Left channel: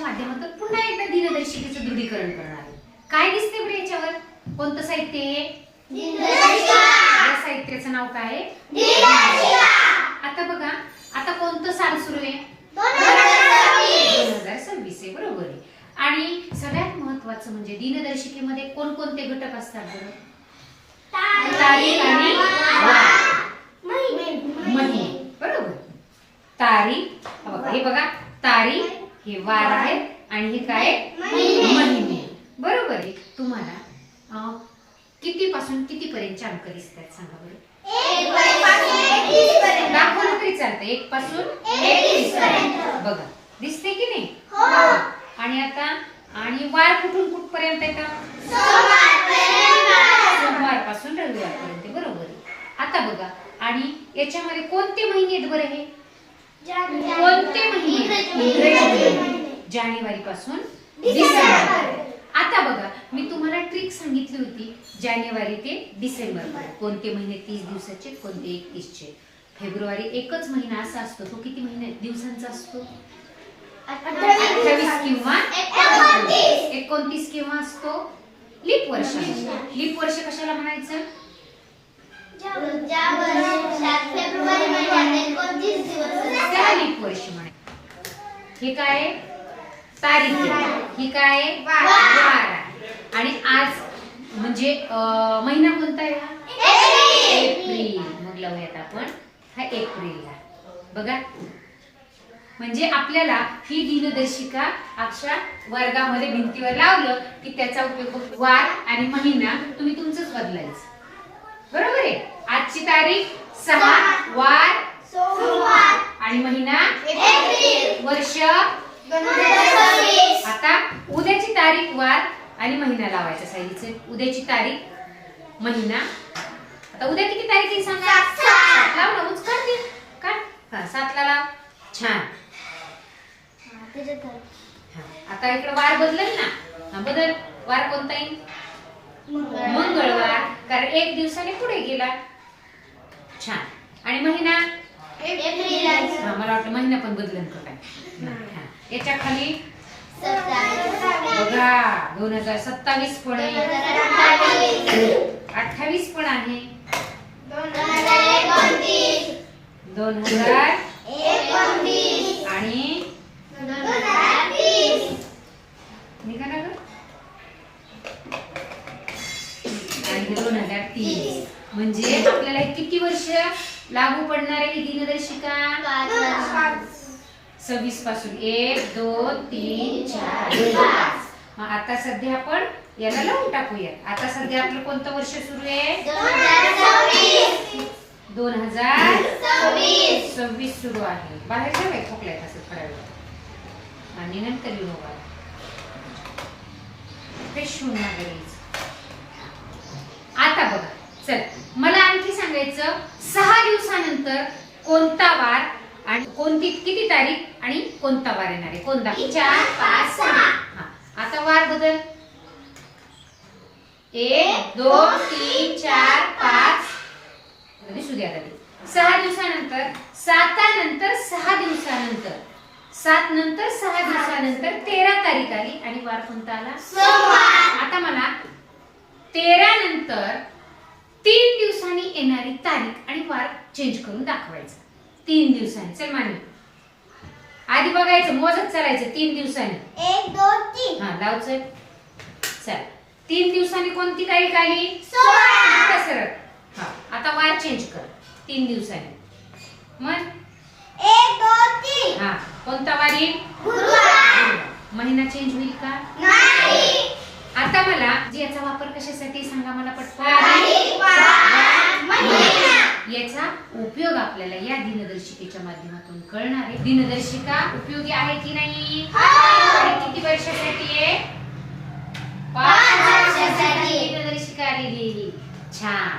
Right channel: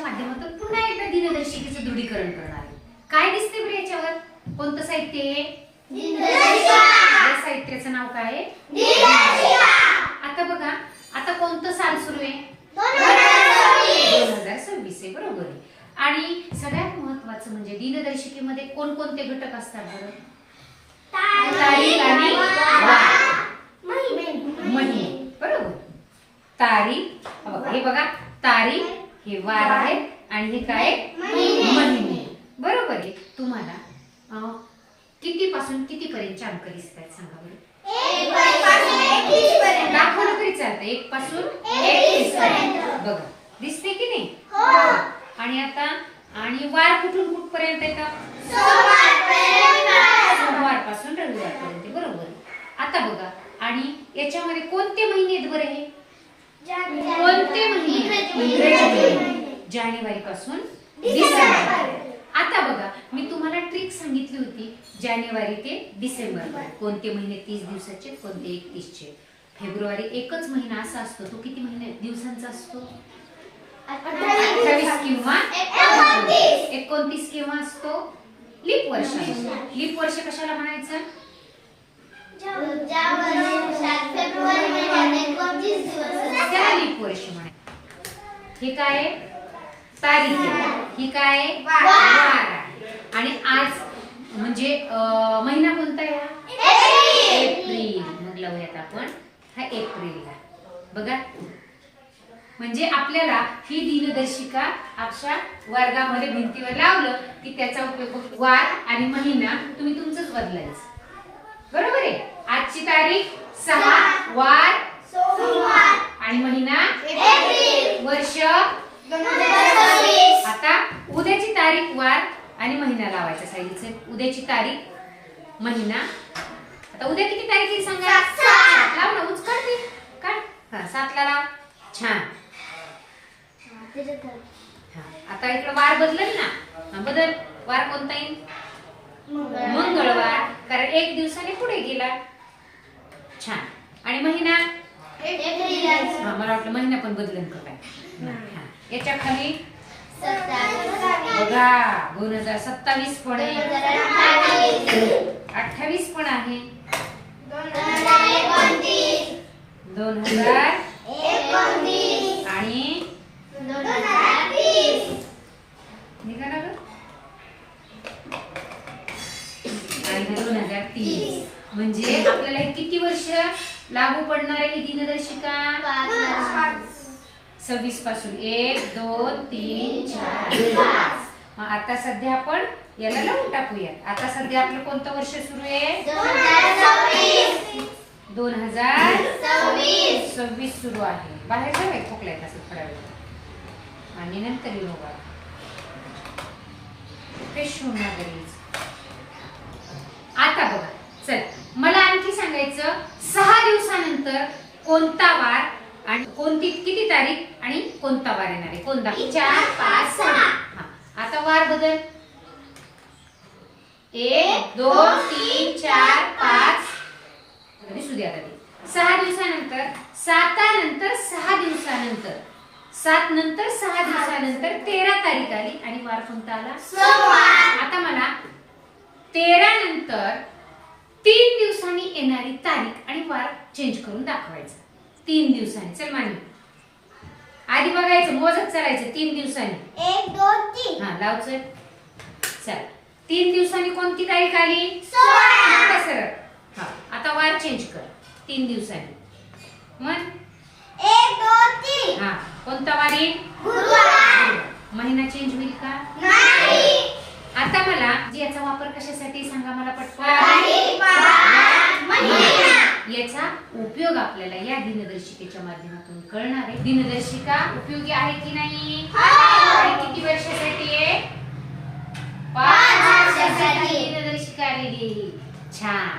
याच्या माध्यमातून पुन्हा एकदा दिनदर्शिकेचं दृढीकरण करणार आहे. काय दिसते बरं याच्यावर? कोणतं साहित्य आहे? या साहित्याचं नाव काय आहे? आता बघा, आता कोणतं साल सुरू आहे? 2026 आहे, बरोबर आहे. आणि सगळ्यात महत्वाचं म्हणजे दिनदर्शिकेमध्ये कोणकोणते घटक असतात बरं? तारीख आणि महिने, बरोबर. तारीख, हे बघा, तारीख, हे वार आहे आणि हे काय? महिने, बरोबर आहे. तुम्हाला किती पासून किती पर्यंतचे अंक दिसतात सांगा बरं? दाखवलं तरी चालतं. 1 पासून 31 पर्यंत बघा, दिसते की नाही? आणि आता आणि वार कुठून कुठपर्यंत येतात? सोमवार पासून रविवार पर्यंत, बरोबर आहे. आता बघा, आणि याच्यामध्ये कोणते महिने आहेत बरं? हे कोणते महिने? इंग्रजी महिने, जानेवारी पासून डिसेंबर. आता बघा, मी तुम्हाला ट्रिक सांगितली होती, जानेवारी ते डिसेंबर पर्यंत कोणते महिने 30 दिवसाचे, कोणते 31 चे. फेब्रुवारी एकच महिना असा असतो, तो किती महिने दिवसांचा असतो? 28 किंवा 29 किंवा असतो लीप वर्ष. लीप वर्ष कशाला म्हणायचं? त्याला लीप वर्ष म्हणायचं. हे काय? तारीख आहे. ही काय? वार आहे. आणि आज म्हणजे महिना कोणता आहे? एप्रिल. मग लावूयात आपण हा एप्रिलला. बघा, म्हणजे आपल्याला ही दिनदर्शिका अक्षा वर्गामध्ये भिंतीवर लावलं की त्याचा उपयोग वार आणि महिना तुम्ही तुमचंच बदलायचं, बरोबर आहे. आजची तारीख 6, वार सोमवार आणि महिना एप्रिल, वर्ष 2026. आता उद्याची तारीख, वार आणि महिना लावायचा सायलीचे. उद्याची तारीख, महिना. आता उद्या किती तारीख आहे सांगा? 7 लाव ना, उच काढ. हा, 7 ला लाव. छान. आता इकडे वार बदलेल ना. बदल. वार कोणता येईल? मंगळवार, कारण 1 दिवसाने पुढे गेला. छान. आणि महिना एप्रिल. मला वाटलं महिना पण बदलेल का काय. याच्या खाली बघा 2027 पण आहे, 28 पण आहे, 2029 आणि निघा ना ग, आणि 2030. म्हणजे आपल्याला किती वर्ष लागू पडणार आहे ही दिनदर्शिका? 26 पासून 1, 2, 3, 4, 5. आता सध्या आपण याला लावून टाकूया. आता सध्या आपलं कोणतं वर्ष सुरू आहे? 2026 सुरू आहे. बाहेर काय खोकलायत असं थोडा वेळ, आणि नंतर येऊ बघा फ्रेश होणार. आता बघा, चल मला आणखी सांगायचं, 6 दिवसानंतर कोणता वार आणि कोणती किती तारीख आणि कोणता वार येणार आहे? कोणता? 4, 5, 6. हा, आता वार बदल. 1, 2, 3, 4, 5. दिसू द्या. आता 6 दिवसानंतर, 7 नंतर 6 दिवसानंतर, 7 नंतर 6 दिवसानंतर 13 तारीख आली आणि वार कोणता आला? सोमवार. आता मला 13 नंतर 3 दिवसांनी येणारी तारीख आणि वार चेंज करून दाखवायचा. 3 दिवसांनी. चल मानी, आधी बघायचं, मोजत चालायचं. 3 दिवसांनी 1, 2, 3. हा, लाव. चल 3 दिवसांनी कोणती तारीख आली? सोमवार. सरळ. हा, आता वार चेंज कर. 3 दिवसांनी मग 1, 2, 3. हा, कोणता वार येईल? गुरुवार. महिना चेंज होईल का? नाही. आता मला याचा वापर कशासाठी सांगा मला पटकन. याचा उपयोग आपल्याला या दिनदर्शिकेच्या माध्यमातून कळणार आहे. दिनदर्शिका उपयोगी आहे की नाही? आणि किती वर्षासाठी आहे? 5 वर्षासाठी दिनदर्शिका आलेली. छान.